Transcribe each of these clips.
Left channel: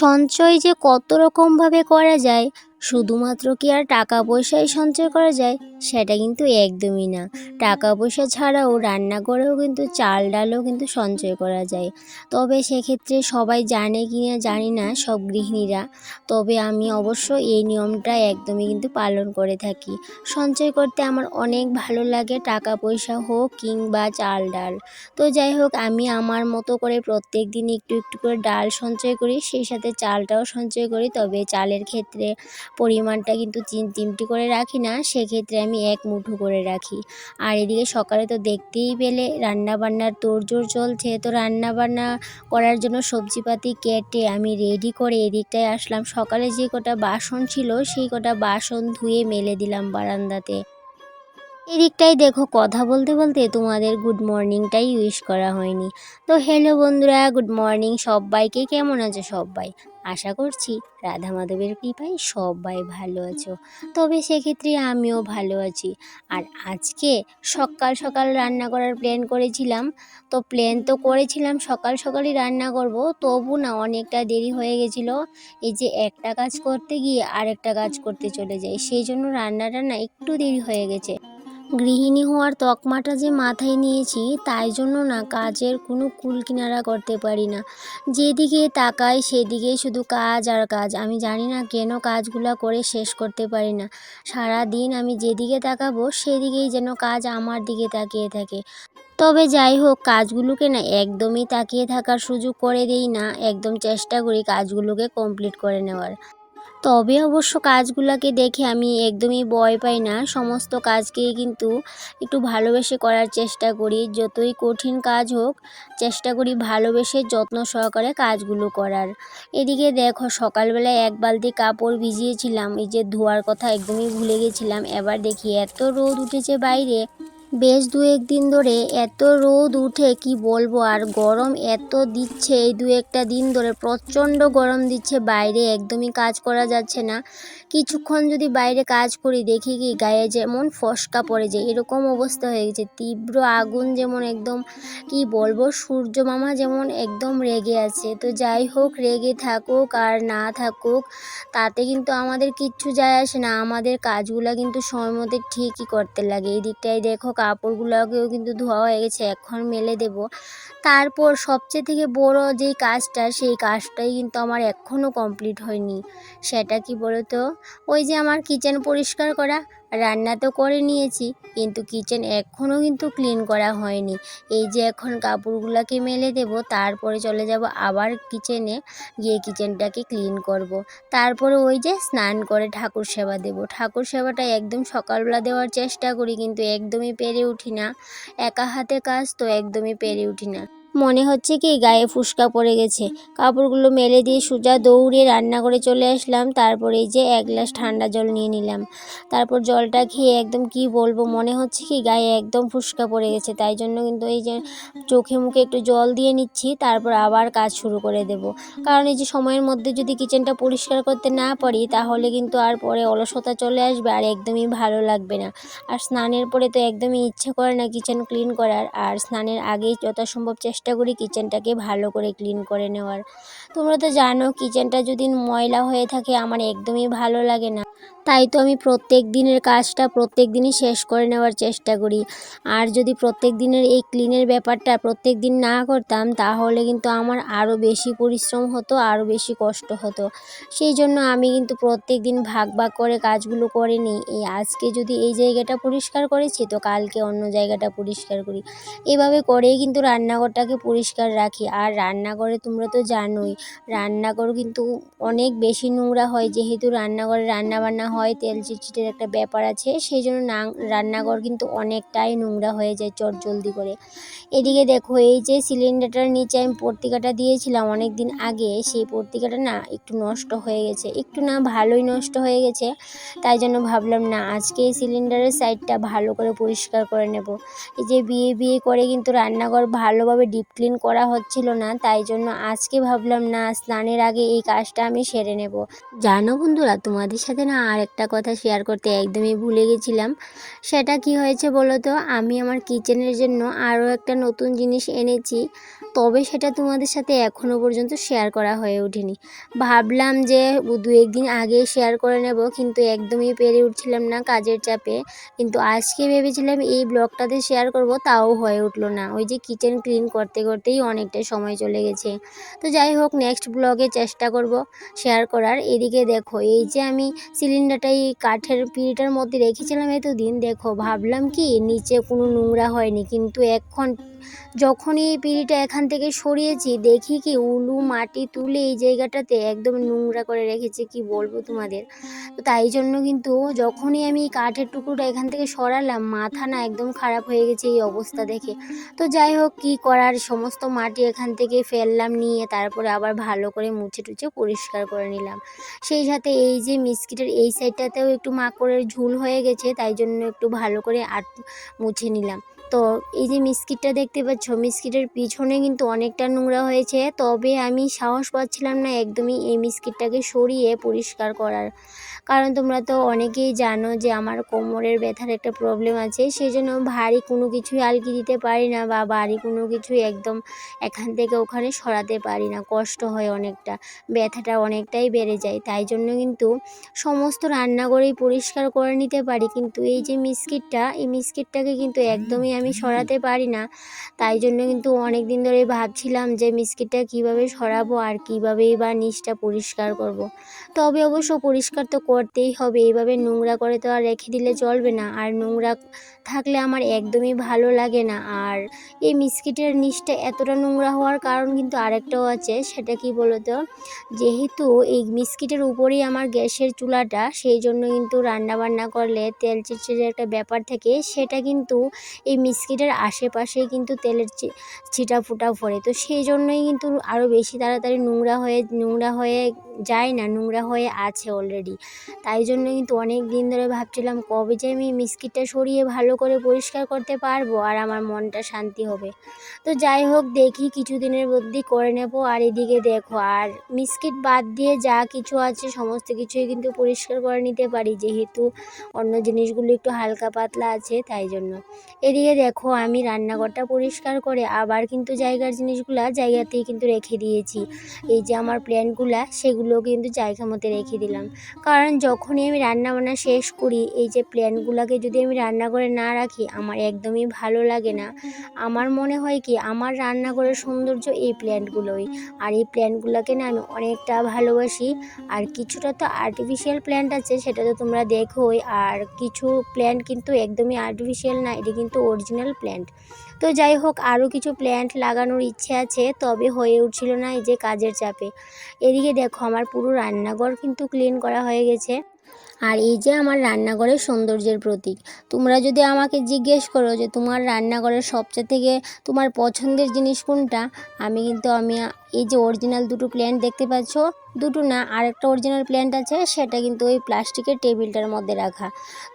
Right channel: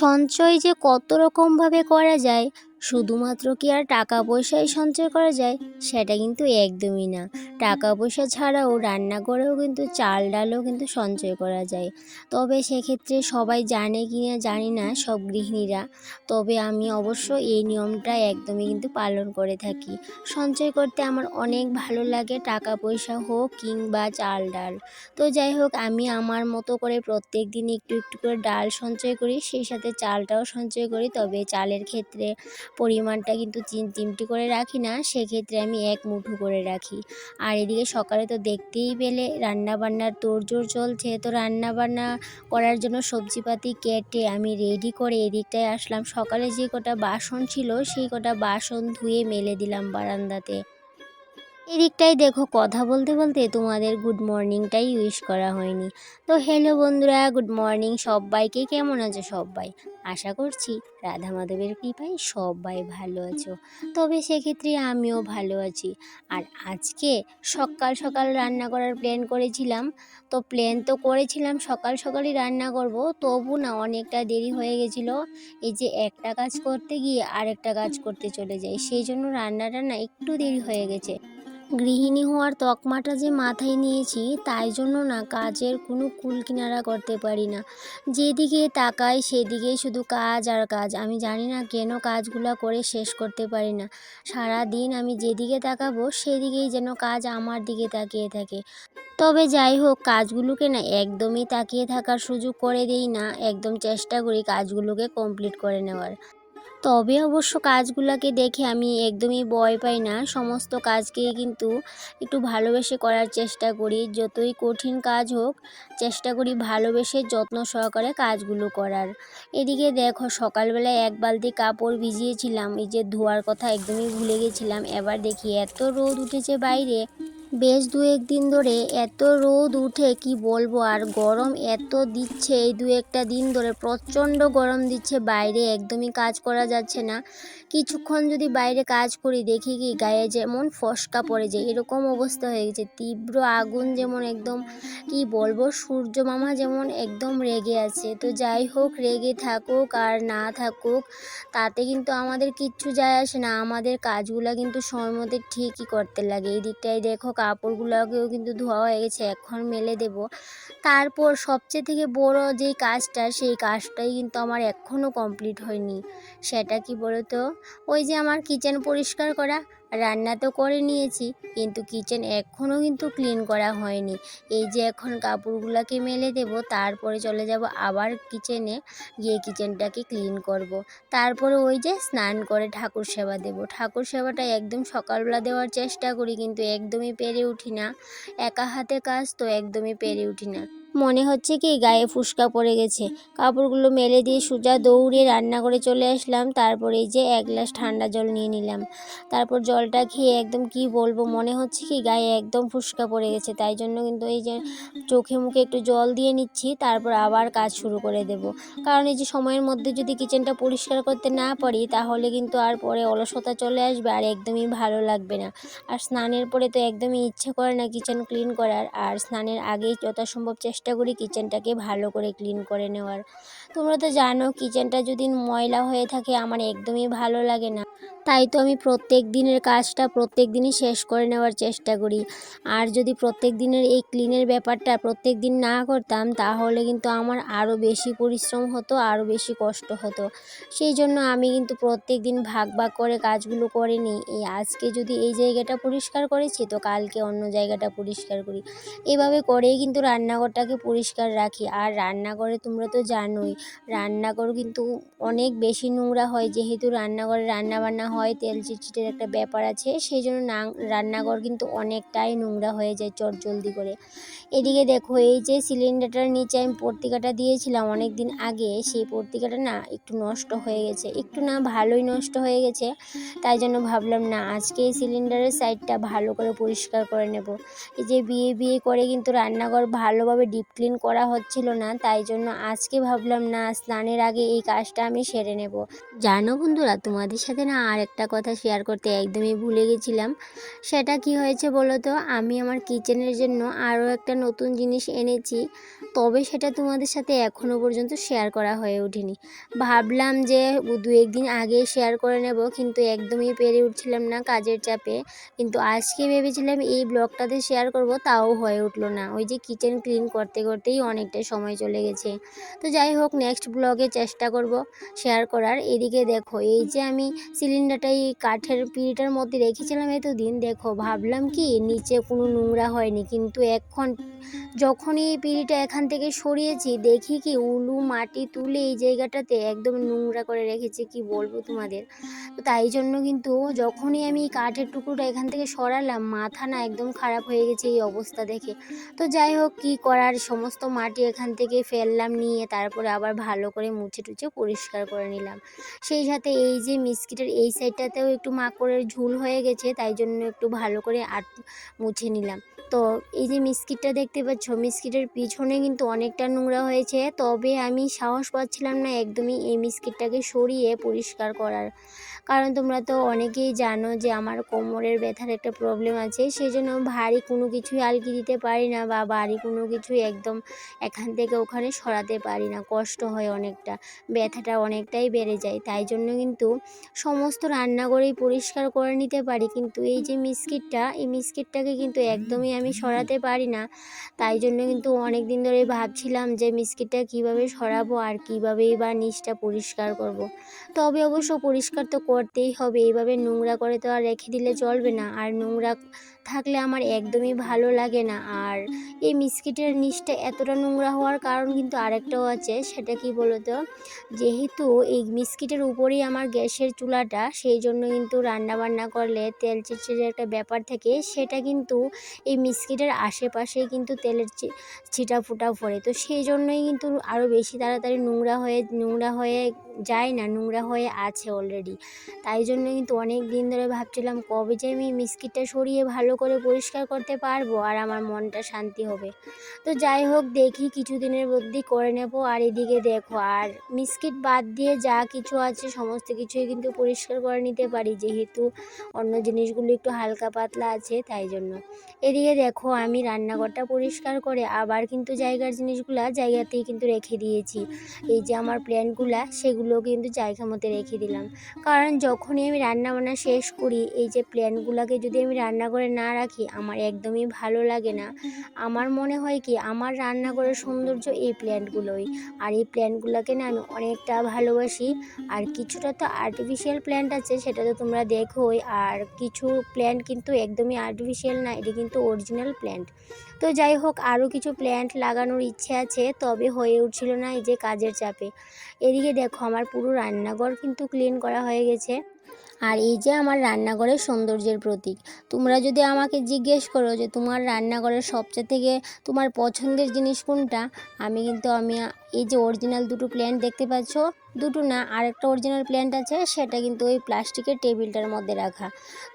সঞ্চয় যে কত রকমভাবে করা যায়, শুধুমাত্র কি আর টাকা পয়সাই সঞ্চয় করা যায় সেটা কিন্তু একদমই না। টাকা পয়সা ছাড়াও রান্না করেও কিন্তু চাল ডালও কিন্তু সঞ্চয় করা যায়। তবে সেক্ষেত্রে সবাই জানে কি না জানি না সব গৃহিণীরা। তবে আমি অবশ্য এই নিয়মটা একদমই কিন্তু পালন করে থাকি। সঞ্চয় করতে আমার অনেক ভালো লাগে, টাকা পয়সা হোক কিংবা চাল ডাল। তো যাই হোক, আমি আমার মতো করে প্রত্যেক দিন একটু একটু করে ডাল সঞ্চয় করি, সেই সাথে চালটাও সঞ্চয় করি। তবে চালের ক্ষেত্রে পরিমাণটা কিন্তু 3-3টি করে রাখি না, সেক্ষেত্রে আমি 1 মুঠো করে রাখি। আর এদিকে সকালে তো দেখতেই পেলে রান্নাবান্নার তোড়জোড় চলছে। তো রান্নাবান্না করার জন্য সবজিপাতি কেটে আমি রেডি করে এদিকটায় আসলাম। সকালে যে কটা বাসন ছিল সেই কটা বাসন ধুয়ে মেলে দিলাম বারান্দাতে। এদিকটাই দেখো, কথা বলতে বলতে তোমাদের গুড মর্নিংটাই উইশ করা হয়নি। তো হ্যালো বন্ধুরা, গুড মর্নিং সবাইকে। কেমন আছো সবাই? আশা করছি রাধা মাধবের কৃপায় সবাই ভালো আছো। তবে সেক্ষেত্রে আমিও ভালো আছি। আর আজকে সকাল সকাল রান্না করার প্ল্যান করেছিলাম। তো প্ল্যান তো করেছিলাম সকাল সকালই রান্না করব, তবু না অনেকটা দেরি হয়ে গেছিলো। এই যে একটা কাজ করতে গিয়ে আরেকটা কাজ করতে চলে যাই, সেই জন্য রান্নাটা না একটু দেরি হয়ে গেছে। গৃহিণী হওয়ার তকমাটা যে মাথায় নিয়েছি, তাই জন্য না কাজের কোনো কুল কিনারা করতে পারি না। যেদিকে তাকাই সেদিকেই শুধু কাজ আর কাজ। আমি জানি না কেন কাজগুলো করে শেষ করতে পারি না। সারা দিন আমি যেদিকে তাকাবো সেদিকেই যেন কাজ আমার দিকে তাকিয়ে থাকে। তবে যাই হোক, কাজগুলোকে না একদমই তাকিয়ে থাকার সুযোগ করে দেই না, একদম চেষ্টা করি কাজগুলোকে কমপ্লিট করে নেওয়ার। তবে অবশ্য কাজগুলোকে দেখে আমি একদমই ভয় পাই না। সমস্ত কাজকেই কিন্তু একটু ভালোবেসে করার চেষ্টা করি। যতই কঠিন কাজ হোক, চেষ্টা করি ভালোবেসে যত্ন সহকারে কাজগুলো করার। এদিকে দেখো, সকালবেলায় 1 বালতি কাপড় ভিজিয়েছিলাম, এই যে ধোয়ার কথা একদমই ভুলে গেছিলাম। এবার দেখি এত রোদ উঠেছে বাইরে, বেশ 2-1 দিন ধরে এত রোদ উঠে কি বলবো। আর গরম এত দিচ্ছে, এই 2-1টা দিন ধরে প্রচণ্ড গরম দিচ্ছে, বাইরে একদমই কাজ করা যাচ্ছে না। কিছুক্ষণ যদি বাইরে কাজ করি, দেখি কি গায়ে যেমন ফস্কা পড়ে যায়, এরকম অবস্থা হয়ে গেছে। তীব্র আগুন যেমন একদম, কি বলবো, সূর্য মামা যেমন একদম রেগে আছে। তো যাই হোক, রেগে থাকুক আর না থাকুক তাতে কিন্তু আমাদের কিচ্ছু যায় আসে না। আমাদের কাজগুলো কিন্তু সময় মতো ঠিকই করতে লাগে। এই দিকটায় দেখো, কাপড়গুলোকেও কিন্তু ধোয়া হয়ে গেছে, এখন মেলে দেব। তারপর সবচেয়ে থেকে বড় যেই কাজটা, সেই কাজটাই কিন্তু আমার এখনও কমপ্লিট হয়নি। সেটা কি বলো তো? ওই যে আমার কিচেন পরিষ্কার করা। রান্না তো করে নিয়েছি, কিন্তু কিচেন এখনও কিন্তু ক্লিন করা হয়নি। এই যে এখন কাপড়গুলোকে মেলে দেব, তারপরে চলে যাব আবার কিচেনে, গিয়ে কিচেনটাকে ক্লিন করব। তারপরে ওই যে স্নান করে ঠাকুর সেবা দেব। ঠাকুর সেবাটা একদম সকালবেলা দেওয়ার চেষ্টা করি, কিন্তু একদমই পেরে উঠি না। একা হাতে কাজ তো একদমই পেরে উঠি না। মনে হচ্ছে কি গায়ে ফুসকা পড়ে গেছে। কাপড়গুলো মেলে দিয়ে সোজা দৌড়ে রান্না করে চলে আসলাম। তারপরে এই যে 1 গ্লাস ঠান্ডা জল নিয়ে নিলাম। তারপর জলটা খেয়ে একদম কি বলবো, মনে হচ্ছে কি গায়ে একদম ফুসকা পড়ে গেছে। তাই জন্য কিন্তু এই যে চোখে মুখে একটু জল দিয়ে নিচ্ছি, তারপর আবার কাজ শুরু করে দেব। কারণ এই যে সময়ের মধ্যে যদি কিচেনটা পরিষ্কার করতে না পারি, তাহলে কিন্তু আর পরে অলসতা চলে আসবে আর একদমই ভালো লাগবে না। আর স্নানের পরে তো একদমই ইচ্ছে করে না কিচেন ক্লিন করার। আর স্নানের আগেই যথাসম্ভব চেষ্টা করি কিচেনটাকে ভালো করে ক্লিন করে নেওয়ার। তোমরা তো জানো, কিচেনটা যদি ময়লা হয়ে থাকে আমার একদমই ভালো লাগে না। তাই তো আমি প্রত্যেক দিনের কাজটা প্রত্যেক দিনই শেষ করে নেওয়ার চেষ্টা করি। আর যদি প্রত্যেক দিনের এই ক্লিনের ব্যাপারটা প্রত্যেক দিন না করতাম, তাহলে কিন্তু আমার আরও বেশি পরিশ্রম হতো, আরও বেশি কষ্ট হতো। সেই জন্য আমি কিন্তু প্রত্যেক দিন ভাগ ভাগ করে কাজগুলো করে নিই। এই আজকে যদি এই জায়গাটা পরিষ্কার করেছি, তো কালকে অন্য জায়গাটা পরিষ্কার করি। এভাবে করেই কিন্তু রান্নাঘরটাকে পরিষ্কার রাখি। আর রান্নাঘরে তোমরা তো জানোই, রান্নাঘর কিন্তু অনেক বেশি নোংরা হয়, যেহেতু রান্নাঘরে রান্নাবান্না হয়, তেল চিটচিটের একটা ব্যাপার আছে। সেই জন্য রান্নাঘর কিন্তু অনেকটাই নোংরা হয়ে যায় চটজলদি করে। এদিকে দেখো, এই যে সিলিন্ডারটার নিচে আমি পত্রিকাটা দিয়েছিলাম অনেক দিন আগে, সেই পত্রিকাটা না একটু নষ্ট হয়ে গেছে, একটু না ভালোই নষ্ট হয়ে গেছে। তাই জন্য ভাবলাম না, আজকে এই সিলিন্ডারের সাইডটা ভালো করে পরিষ্কার করে নেব। এই যে বিয়ে বিয়ে করে কিন্তু রান্নাঘর ভালোভাবে ডিপ ক্লিন করা হচ্ছিল না, তাই জন্য আজকে ভাবলাম না, স্নানের আগে এই কাজটা আমি সেরে নেব। জানো বন্ধুরা, তোমাদের সাথে না আর একটা কথা শেয়ার করতে একদমই ভুলে গেছিলাম। সেটা কি হয়েছে বলো তো? আমি আমার কিচেনের জন্য আরও একটা নতুন জিনিস এনেছি, তবে সেটা তোমাদের সাথে এখনও পর্যন্ত শেয়ার করা হয়ে ওঠেনি। ভাবলাম যে 2-1 দিন আগে শেয়ার করে নেব, কিন্তু একদমই পেরে উঠছিলাম না কাজের চাপে। কিন্তু আজকে ভেবেছিলাম এই ব্লগটাতে শেয়ার করব, তাও হয়ে উঠলো না। ওই যে কিচেন ক্লিন করতে করতেই অনেকটা সময় চলে গেছে। তো যাই হোক, নেক্সট ব্লগে চেষ্টা করব শেয়ার করার। এদিকে দেখো, এই যে আমি সিলিন্ডারটা এই কাঠের পিঁড়িটার মধ্যে রেখেছিলাম এতদিন, দেখো ভাবলাম কি নিচে কোনো নোংরা হয়নি, কিন্তু এখন যখনই এই পিঁড়িটা এখান থেকে সরিয়েছি, দেখি কি উলু মাটি তুলে এই জায়গাটাতে একদম নোংরা করে রেখেছে, কি বলবো তোমাদের। তো তাই জন্য কিন্তু যখনই আমি এই কাঠের টুকরোটা এখান থেকে সরালাম, মাথা না একদম খারাপ হয়ে গেছে এই অবস্থা দেখে। তো যাই হোক, কী করার, সমস্ত মাটি এখান থেকে ফেললাম, নিয়ে তারপরে আবার ভালো করে মুছে টুছে পরিষ্কার করে নিলাম। সেই সাথে এই যে মিস্কিটের এই সাইডটাতেও একটু মাকড়ের ঝুল হয়ে গেছে, তাই জন্য একটু ভালো করে মুছে নিলাম। তো এই যে মিস্কিটটা দেখতে পাচ্ছ, মিস্কিটের পিছনে কিন্তু অনেকটা নোংরা হয়েছে, তবে আমি সাহস পাচ্ছিলাম না একদমই এই মিস্কিটটাকে সরিয়ে পরিষ্কার করার। কারণ তোমরা তো অনেকেই জানো যে আমার কোমরের ব্যথার একটা প্রবলেম আছে, সেই জন্য ভারী কোনো কিছুই আলগি দিতে পারি না, বা ভারী কোনো কিছুই একদম এখান থেকে ওখানে সরাতে পারি না, কষ্ট হয় অনেকটা, ব্যথাটা অনেকটাই বেড়ে যায়। তাই জন্য কিন্তু সমস্ত রান্নাঘরেই পরিষ্কার করে নিতে পারি, কিন্তু এই যে এই মিস্কিটটাকে কিন্তু একদমই আমি সরাতে পারি না। তাই জন্য কিন্তু অনেক দিন ধরে ভাবছিলাম যে মিস্কিটটা কিভাবে সরাবো আর কীভাবেই বা নিচটা পরিষ্কার করব। তবে অবশ্য পরিষ্কার তো করতেই হবে, এইভাবে নোংরা করে তো আর রেখে দিলে চলবে না, আর নোংরা থাকলে আমার একদমই ভালো লাগে না। আর এই মিস্কিটের নিচটা এতটা নোংরা হওয়ার কারণ কিন্তু আরেকটাও আছে, সেটা কি বলতো, যেহেতু এই মিস্কিটের উপরেই আমার গ্যাসের চুলাটা, সেই জন্য কিন্তু রান্না বান্না করলে তেল চিটচিটে একটা ব্যাপার থাকে, সেটা কিন্তু এই মিস্কিটের আশেপাশেই কিন্তু তেলের ছিটা ফুটা পড়ে। তো সেই জন্যই কিন্তু আরও বেশি তাড়াতাড়ি নোংরা হয়ে যায় না, নোংরা হয়ে আছে অলরেডি। তাই জন্য কিন্তু অনেক দিন ধরে ভাবছিলাম কবে যে আমি মিস্কিটটা সরিয়ে ভালো করে পরিষ্কার করতে পারবো আর আমার মনটা শান্তি হবে। তো যাই হোক, দেখি কিছুদিনের মধ্যেই করে নেব। আর এদিকে দেখো, আর মিস্কিট বাদ দিয়ে যা কিছু আছে সমস্ত কিছুই কিন্তু পরিষ্কার করে নিতে পারি, যেহেতু অন্য জিনিসগুলো একটু হালকা পাতলা আছে, তাই জন্য। এদিকে দেখো, আমি রান্নাঘরটা পরিষ্কার করে আবার কিন্তু জায়গার জিনিসগুলা জায়গাতেই কিন্তু রেখে দিয়েছি। এই যে আমার প্ল্যান্টগুলা, সেগুলো কিন্তু জায়গা মতো রেখে দিলাম, কারণ যখনই আমি রান্নাবান্না শেষ করি, এই যে প্ল্যান্টগুলোকে যদি আমি রান্নাঘরে না রাখি, আমার একদমই ভালো লাগে না। আমার মনে হয় কি, আমার রান্নাঘরের সৌন্দর্য এই প্ল্যান্টগুলোই, আর এই প্ল্যান্টগুলোকে না আমি অনেকটা ভালোবাসি। আর কিছুটা তো আর্টিফিশিয়াল প্ল্যান্ট আছে, সেটা তো তোমরা দেখোই, আর কিছু প্ল্যান্ট কিন্তু একদমই আর্টিফিশিয়াল না, এটা কিন্তু অরিজিনাল প্ল্যান্ট। তো যাই হোক, আরও কিছু প্ল্যান্ট লাগানোর ইচ্ছে আছে, তবে হয়ে উঠছিল না এই যে কাজের চাপে। এদিকে দেখো, আমার পুরো রান্নাঘর কিন্তু ক্লিন করা হয়ে গেছে। আর এই যে আমার রান্নাঘরের সৌন্দর্যের প্রতীক। তোমরা যদি আমাকে জিজ্ঞেস করো যে তোমার রান্নাঘরের সবচেয়ে থেকে তোমার পছন্দের জিনিস কোনটা, আমি এই যে অরিজিনাল দুটো প্ল্যান্ট দেখতে পাচ্ছ, দুটো না, আরেকটা অরিজিনাল প্ল্যান্ট আছে, সেটা কিন্তু ওই প্লাস্টিকের টেবিলটার মধ্যে রাখা।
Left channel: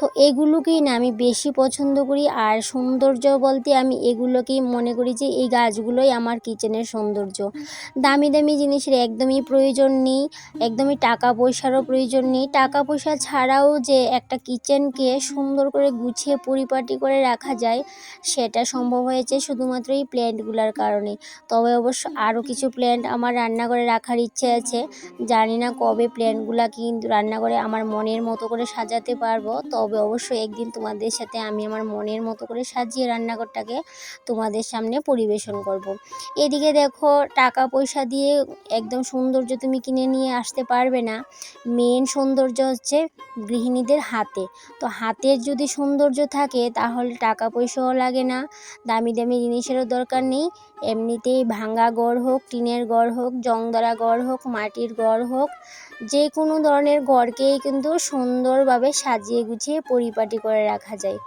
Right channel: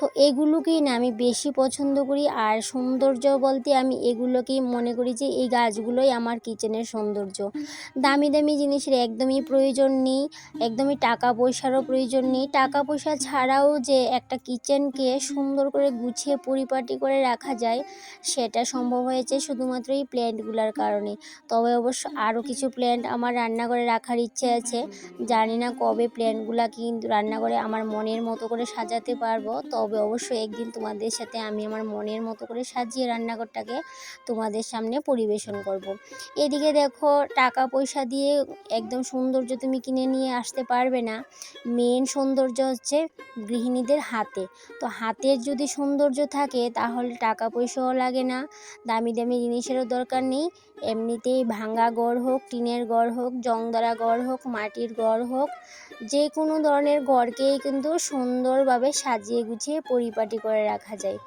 তো এগুলোকেই না আমি বেশি পছন্দ করি। আর সৌন্দর্য বলতে আমি এগুলোকেই মনে করি যে এই গাছগুলোই আমার কিচেনের সৌন্দর্য। দামি দামি জিনিসের একদমই প্রয়োজন নেই, একদমই টাকা পয়সারও প্রয়োজন নেই। টাকা পয়সা ছাড়াও যে একটা কিচেনকে সুন্দর করে গুছিয়ে পরিপাটি করে রাখা যায়, সেটা সম্ভব হয়েছে শুধুমাত্র এই প্ল্যান্টগুলোর কারণে। তবে অবশ্য আরও কিছু প্ল্যান্ট আমার রান্নাঘরে রাখার ইচ্ছে আছে। জানি না কবে প্ল্যান্টগুলোকে কিন্তু রান্নাঘরে আমার মনের মতো করে সাজাতে পারবো, তবে অবশ্যই একদিন তোমাদের সাথে আমি আমার মনের মতো করে সাজিয়ে রান্নাঘরটাকে তোমাদের সামনে পরিবেশন করব। এদিকে দেখো, টাকা পয়সা দিয়ে একদম সৌন্দর্য তুমি কিনে নিয়ে আসতে পারবে না, মেন সৌন্দর্য হচ্ছে গৃহিণীদের হাতে। তো হাতের যদি সৌন্দর্য থাকে, তাহলে টাকা পয়সাও লাগে না, দামি দামি জিনিসেরও দরকার নেই। এমনিতেই ভাঙা ঘর হোক, টিনের ঘর হোক, জংধরা ঘর হোক, মাটির ঘর হোক, যে কোনো ধরনের ঘরকেই কিন্তু সুন্দরভাবে সাজিয়ে গুছিয়ে পরিপাটি করে রাখা যায়।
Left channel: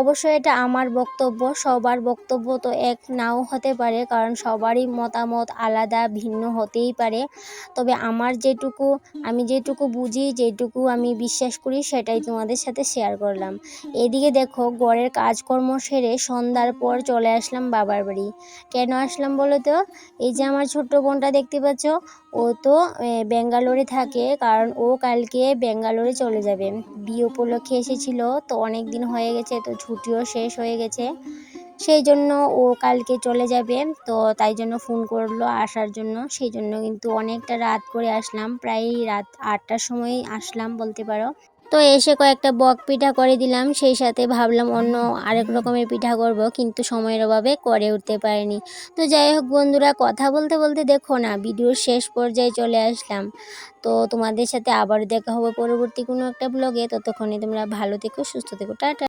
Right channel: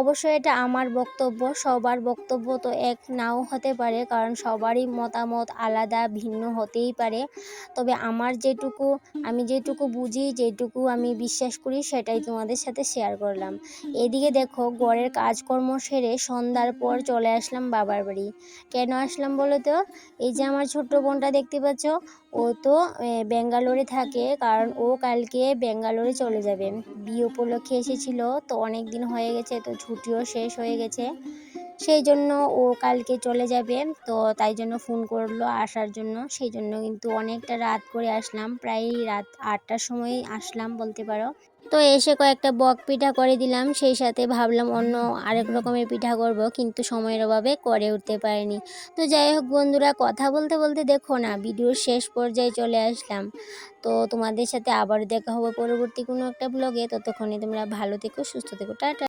অবশ্য এটা আমার বক্তব্য, সবার বক্তব্য তো এক নাও হতে পারে, কারণ সবারই মতামত আলাদা ভিন্ন হতেই পারে। তবে আমি যেটুকু বুঝি, যেটুকু আমি বিশ্বাস করি, সেটাই তোমাদের সাথে শেয়ার করলাম। এদিকে দেখো, ঘরের কাজকর্ম সেরে সন্ধ্যার পর চলে আসলাম বাবার বাড়ি। কেন আসলাম বলো তো? এই যে আমার ছোট্ট বোনটা দেখতে পাচ্ছ, ও তো ব্যাঙ্গালোরে থাকে, কারণ ও কালকে ব্যাঙ্গালোরে চলে যাবে। বিয়ে উপলক্ষে এসেছিল, তো অনেক দিন হয়ে গেছে, তো ছুটিও শেষ হয়ে গেছে। সেই জন্য ও কালকে চলে যাবে। তো তাই জন্য ফোন করলো আসার জন্য। সেই জন্য কিন্তু অনেকটা রাত করে আসলাম, প্রায় রাত ৮টার সময় আসলাম বলতে পারো। তো এসে কয়েকটা বক পিঠা করে দিলাম, সেই সাথে ভাবলাম অন্য আরেক রকমের পিঠা করব, কিন্তু সময়ের অভাবে করে উঠতে পারিনি। তো যাই হোক বন্ধুরা, কথা বলতে বলতে দেখো না ভিডিওর শেষ পর্যায়ে চলে আসলাম। তো তোমাদের সাথে আবারও দেখা হবে পরবর্তী কোনো একটা ব্লগে। ততক্ষণে তোমরা ভালো থেকো, সুস্থ থেকো, টাটা।